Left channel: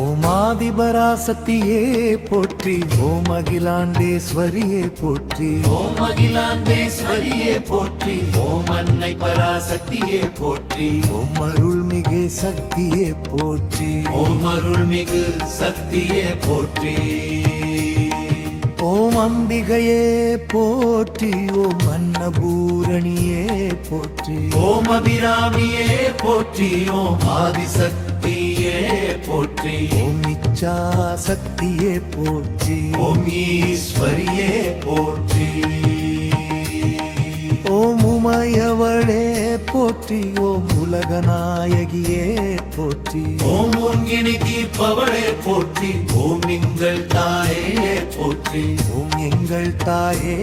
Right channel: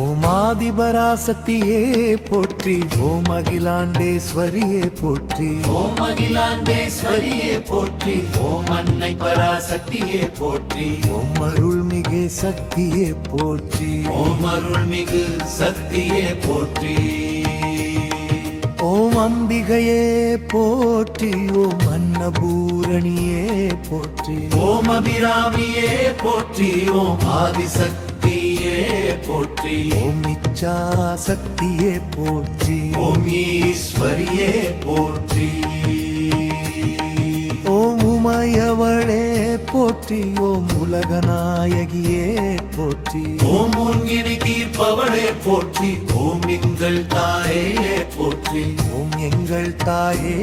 ஓம் ஆதிபராசக்தியே போற்றி, ஓம் அகிலாண்டேஸ்வரியே போற்றி, ஓம் அகிலாண்டேஸ்வரியே போற்றி, ஓம் அன்னை பராசக்தியே போற்றி, ஓம் அருள்மிகு சக்தியே போற்றி, ஓம் அருள்மிகு சக்தியே போற்றி, ஓம் அம்பிகையே போற்றி, ஓம் அன்னபூரணியே போற்றி, ஓம் அபிராமியே போற்றி, ஓம் ஆதிசக்தியே போற்றி, ஓம் இச்சா சக்தியே போற்றி, ஓம் ஈஸ்வரியே போற்றி, ஓம் உமையவளே போற்றி, ஓம் உலகநாயகியே போற்றி, ஓம் உன்கினை தீர்ப்பவளே போற்றி, ஓம் எங்கள் தாயே போற்றி, ஓம் எங்கள் தாயே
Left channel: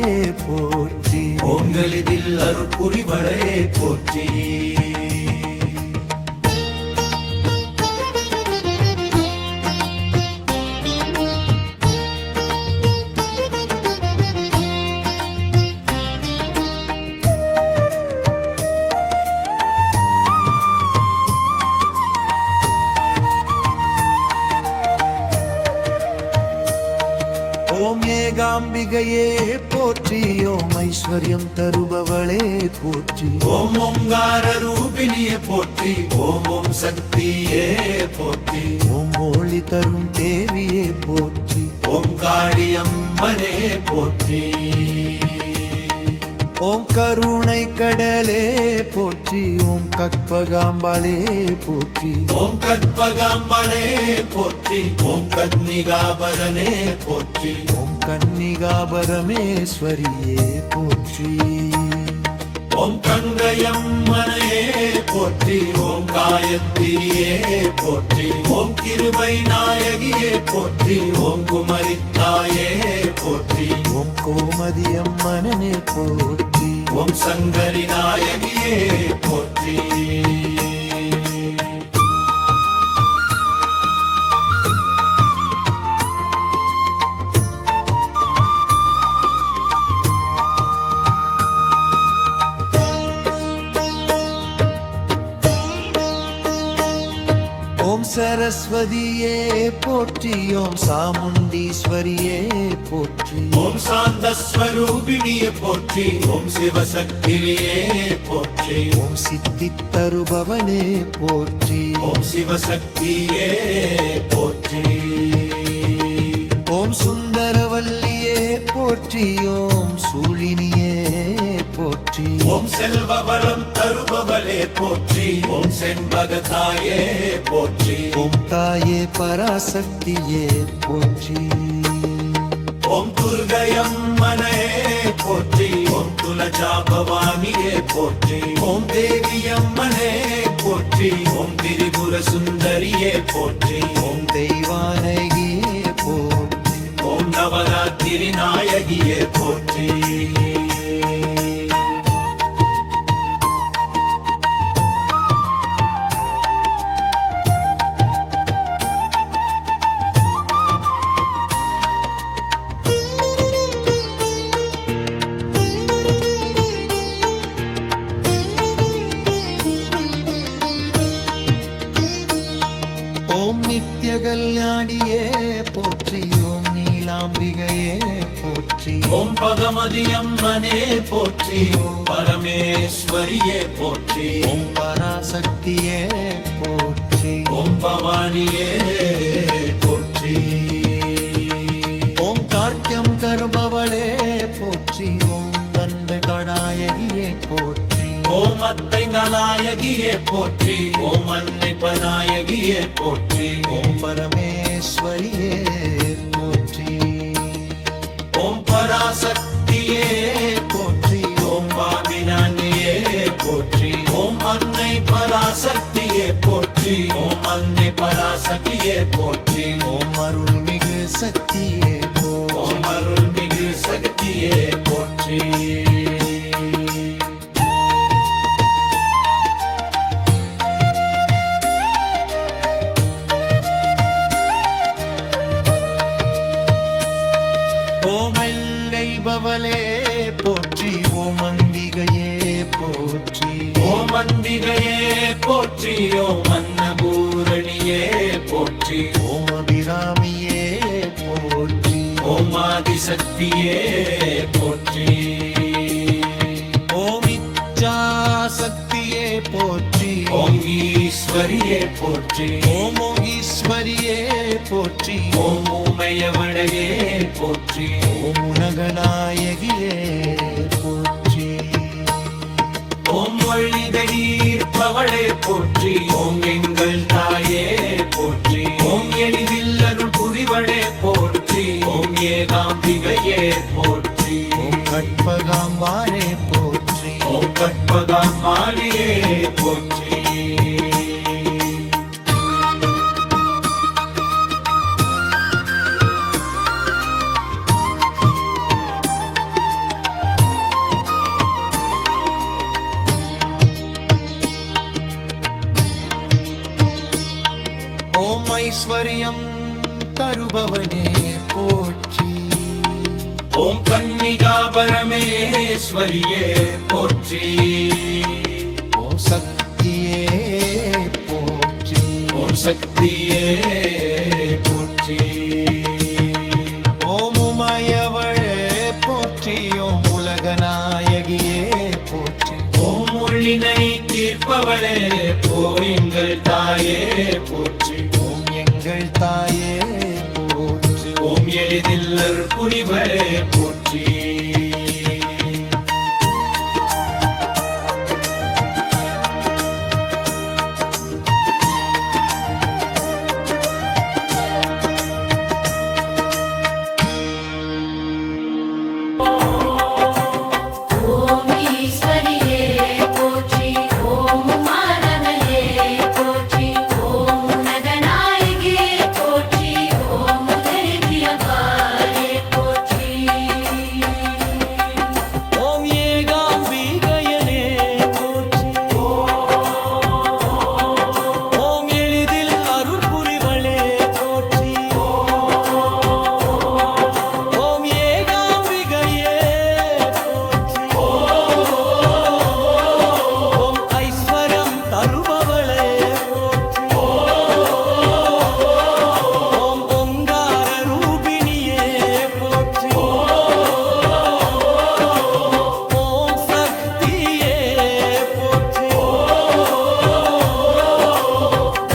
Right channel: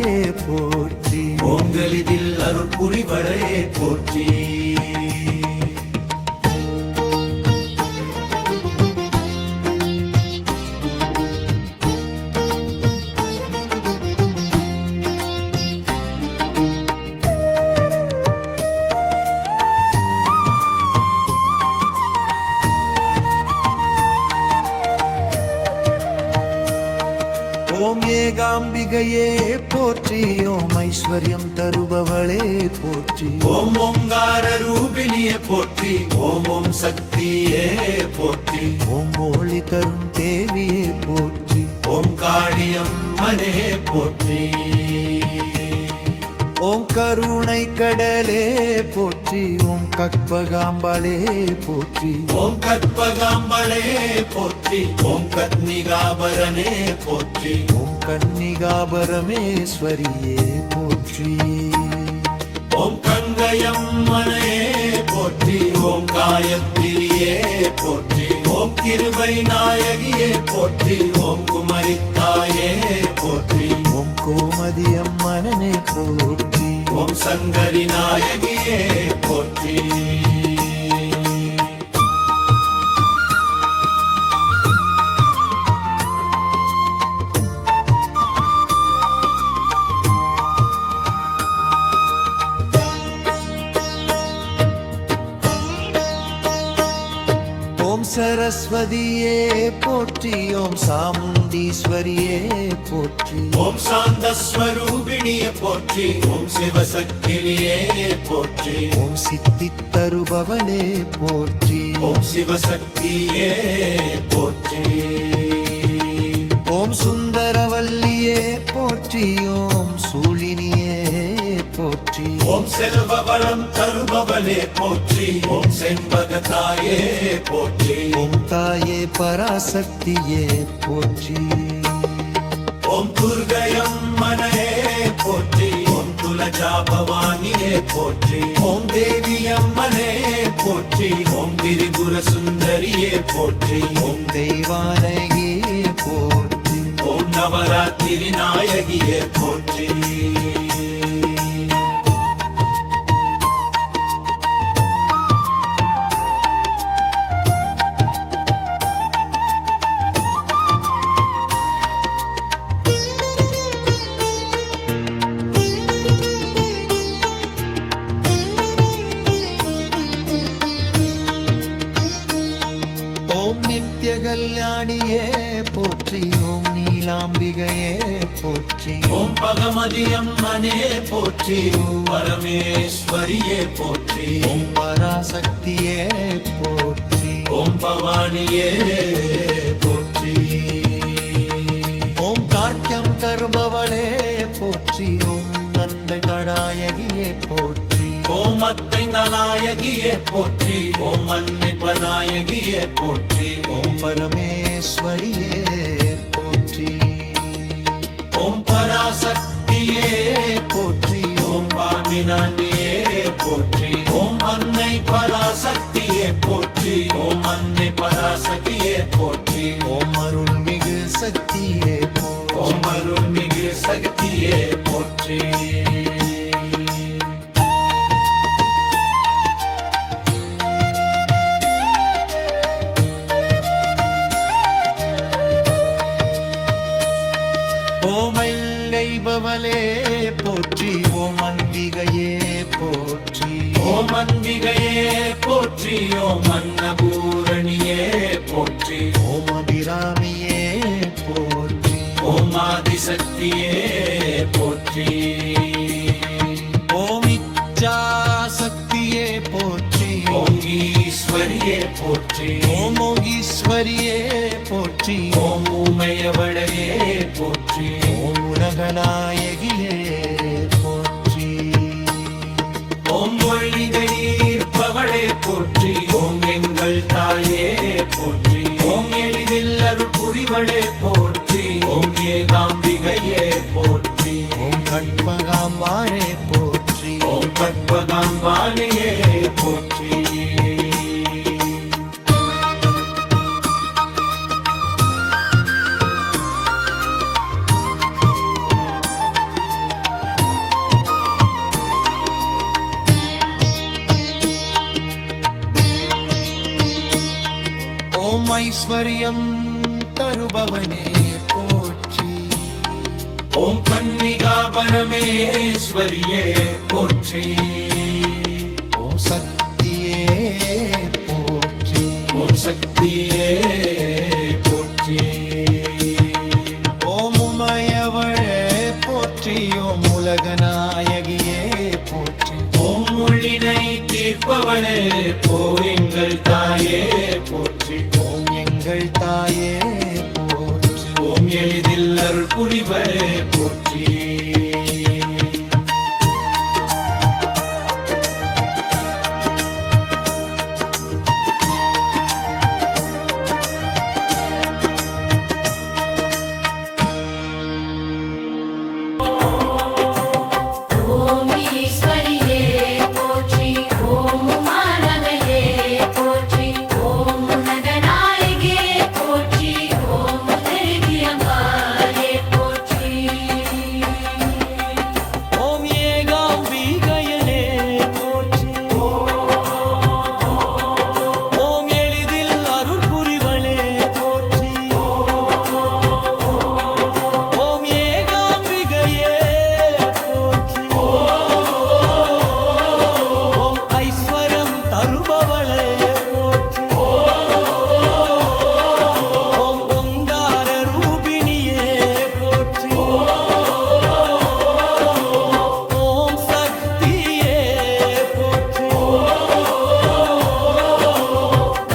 போற்றி, ஓங்களிதில் அருள் புரிவளே போற்றி, ஓம் ஏகாம்பிகையே போற்றி, ஓம் ஐஸ்வர்யம் தருபவளே போற்றி, ஓம் ஓங்கார ரூபிணியே போற்றி, ஓம் ஓம் சக்தியே போற்றி, ஓம் ஒளி தரும் தேவியே போற்றி, ஓம் காளியம்மனே போற்றி, ஓம் கருணை கடலே போற்றி, ஓம் கற்பகாம்பாளே போற்றி, ஓம் கற்பகாம்பளே போற்றி, ஓம் கன்னிகாபரனே போற்றி, ஓம் கன்னிகாபரமேஸ்வரியே போற்றி, ஓம் கங்கையம்மனையே போற்றி, ஓம் காயத்ரியே போற்றி, ஓம் கிருபை நாயகியே போற்றி, ஓம் குமரித்தாயே போற்றி, ஓம் கோமதியம்மனே போற்றி, ஓம் சங்கரி நாயகியே போற்றி, ஓம் சரஸ்வதியே போற்றி, ஓம் சாமுண்டீஸ்வரியே போற்றி, ஓம் சாந்தஸ்வரூபிணியே போற்றி, ஓம் சிவசக்தியே போற்றி, ஓம் சித்தி தருபவனே போற்றி, ஓம் சிவசக்தியே போற்றி, ஓம் சுந்தரவல்லியே போற்றி, ஓம் சூழினியே போற்றி, ஓம் செல்வ வளம் தருபவளே போற்றி, ஓம் செண்பகத்தாயே போற்றி, ஓம் தாயே பராசக்தியே போற்றி, ஓம் துர்கையம்மனே போற்றி, ஓம் துலஜா பவானியே போற்றி, ஓம் தேவியம்மனே போற்றி, ஓம் திரிபுர சுந்தரியே போற்றி, ஓம் தெய்வானகியே போற்றி, ஓம் நவராத்திரி நாயகியே போற்றி, ஓம் நித்ய கல்யாணியே போற்றி, ஓம் நீலாம்பிகையே போற்றி, ஓம் பகவதி அம்மனே போற்றி, ஓம் பரமேஸ்வரியே போற்றி, ஓம் பராசக்தியே போற்றி, ஓம் பவானியே போற்றி, ஓம் கார்த்தியம் கர்பவளே போற்றி, ஓம் நந்தை கடாயகியே போற்றி, ஓம் அத்தை நாயகியே போற்றி, ஓம் அன்னை பநாயகியே போற்றி, ஓம் பரமேஸ்வரியே போற்றி, ஓம் பராசக்தியே போற்றி, ஓம் வாமினானியே போற்றி, ஓம் அன்னை பராசக்தியே போற்றி, ஓம் அன்னை பராசக்தியே போற்றி, ஓம் அருள்மிகு சக்தியே போற்றி, ஓம் அருள்மிகு சக்தியே போற்றி, ஓம் எல்லைபவளே போற்றி, ஓம் அம்பிகையே போற்றி, ஓம் அம்பிகையே போற்றி, ஓம் அன்னபூரணியே போற்றி ஓம் அபிராமியே போற்றி ஓம் ஆதிசக்தியே போற்றி ஓம் இச்சாசக்தியே போற்றி ஓம் ஈஸ்வரியே போற்றி ஓம் ஈஸ்வரியே போற்றி ஓம் ஊமையவளையே போற்றி ஓம் உலகநாயகியே போற்றி ஓம் மொழிதை நீர்ப்பவளே போற்றி ஓம் எங்கள் தாயே போற்றி ஓம் எளிதில் அருள் புரிவளே போற்றி ஓம் ஏகாம்பிகையே போற்றி ஓம் கற்பகாம்பாரே போற்றி ஓம் கற்பகாம்பாளையே போற்றி ஓம் ஐஸ்வர்யம் தருபவனே போற்றி ஓம் கன்னிகா பரமேஸ்வரியே போற்றி ஓம் சக்தியே போற்றி ஓம் சக்தியே போற்றி ஓம் உமையவளே போற்றி ஓம் உலகநாயகியே போற்றி ஓம் உள்ளினை தீர்ப்பவளே போரிங்கள் தாயே போற்றி ஓம் எங்கள் தாயே போற்றி ஓம் எளிதில் அருள் புரிவளே போற்றி ஓம் ஈஸ்வரியே போற்றி ஓம் மாநகையே போற்றி ஓம் உலகநாயகியே போற்றி ஓம் உதரிபியம்பாளே போற்றி ஓம் ஏகாம்பிகையனே போற்றி ஓம் எளிதில் அருள் புரிவளே போற்றி ஓம் ஏகாம்பிகையே போற்றி ஓம் ஐஸ்வரம் தருபவளே போற்றி ஓம் ஓங்கார ரூபிணியே போற்றி ஓம் சக்தியே போற்றி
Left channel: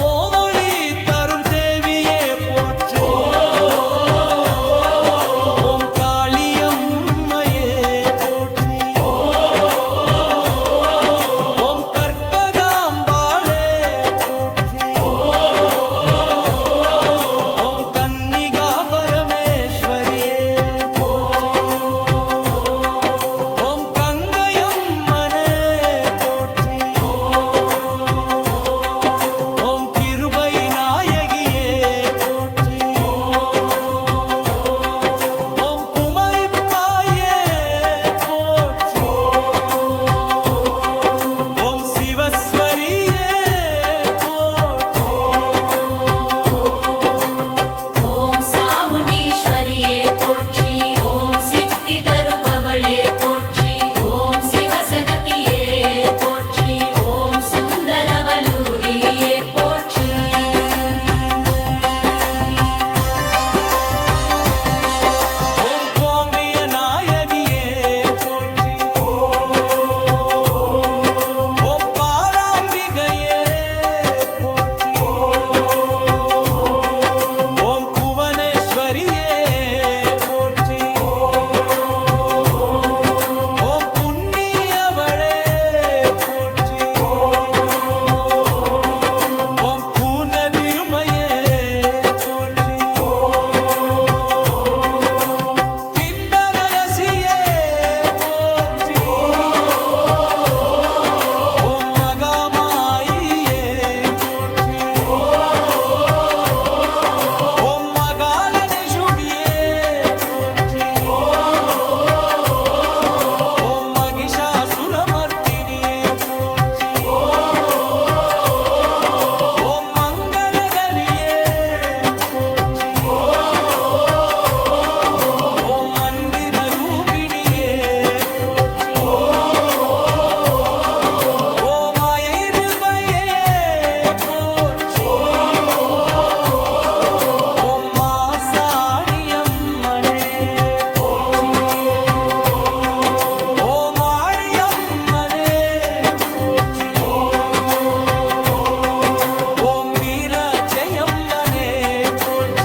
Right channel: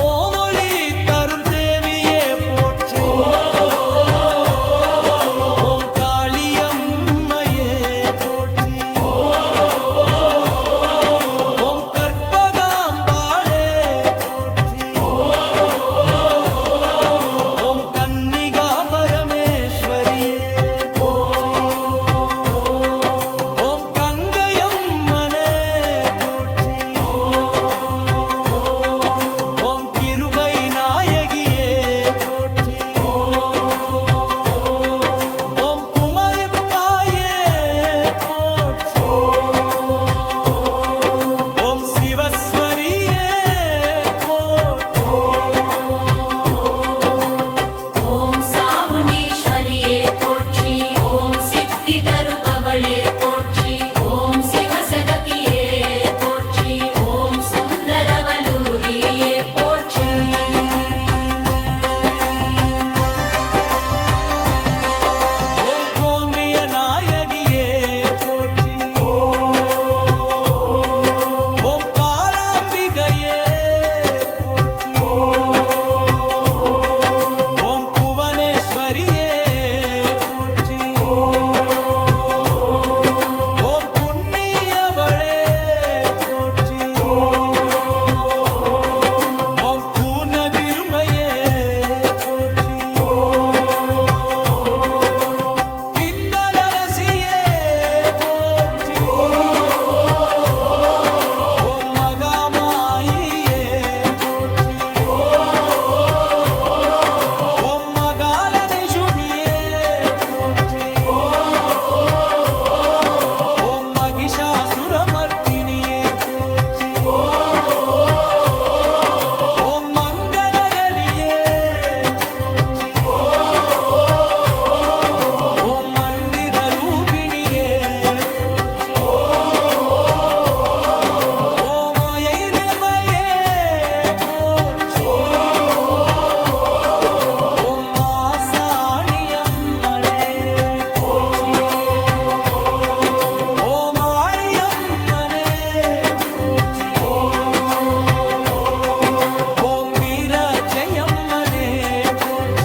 ஓம் ஒளி தரும் தேவியே போற்றி ஓம் காளியம்மையே போற்றி ஓம் கற்பகாம்பாளே போற்றி ஓம் கன்னிகா பரமேஸ்வரியே போற்றி ஓம் கங்கையம்மனே போற்றி ஓம் கிருபை நாயகியே போற்றி ஓம் குமரிப்பாயே போற்றி ஓம் சிவஸ்வரியே போற்றி ஓம் சாமுண்டீஸ்வரியே போற்றி ஓம் சித்தி தருபவளே போற்றி ஓம் சிவசகதியே போற்றி ஓம் சுந்தரவல்லூரியே போற்றி ஓம் கோங்கைய நாயகியே போற்றி ஓம் பாலாம்பிகையே போற்றி ஓம் புவனேஸ்வரியே போற்றி ஓம் புண்ணியவளே போற்றி ஓம் பூனதிருமையே போற்றி கிண்டரசியே போற்றி ஓம் மகாமாயியே போற்றி ஓம் மகாலனிஷுனியே போற்றி ஓம் மகிஷாசுரமர்த்தினியே போற்றி ஓம் மங்களகரியே போற்றி ஓம் மந்திர ரூபிணியே போற்றி ஓம் அயைருபையே போற்றி அம்மனே போற்றி